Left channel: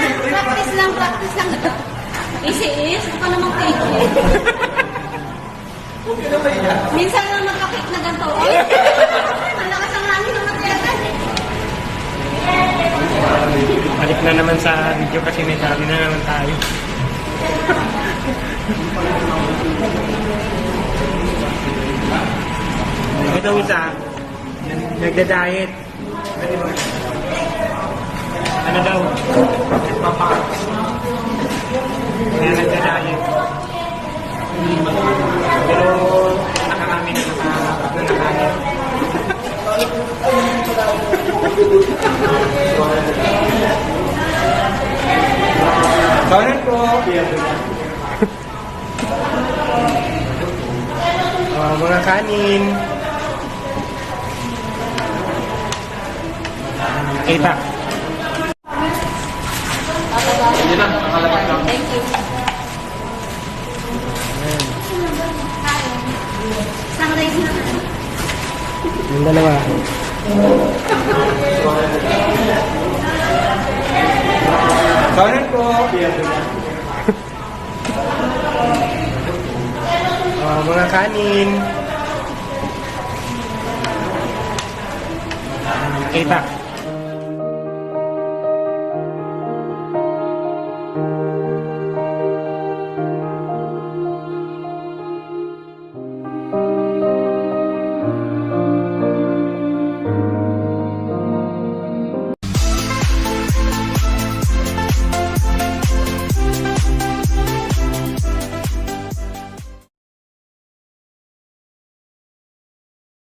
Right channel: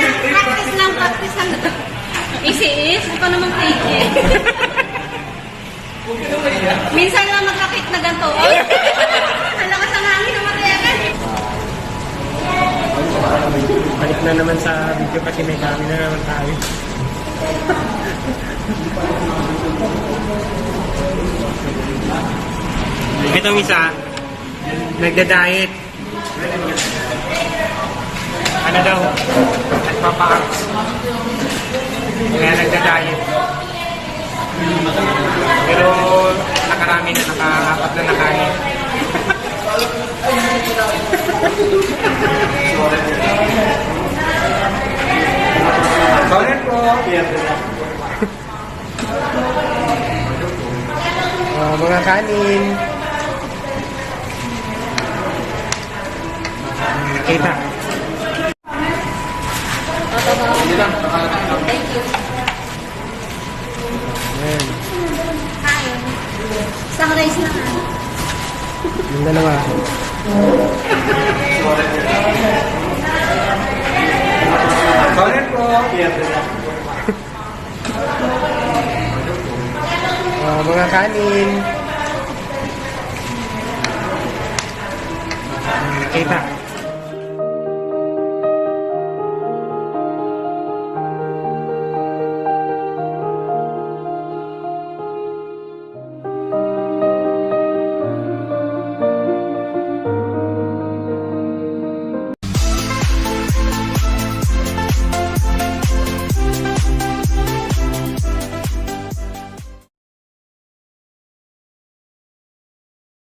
Practice lang, practice lang. Easy is, ito namang take. Huwag ka na maiya. Minsan lang magkakit na ganito. Ay! Ang lakas ang hangin naman talaga. Balik na naman sa video kasi may dami na naman tayo. Itong isa, nagda-diet. Ano daw? Nagpapaks. Kaya nagda-diet. Pero nakarami na, nakakapat na nakain. Sorry po. Mga kanin. Kita. Thank you. Isang rice na ka. Yung dalawa. Sorry po. Mga kanin. Kita.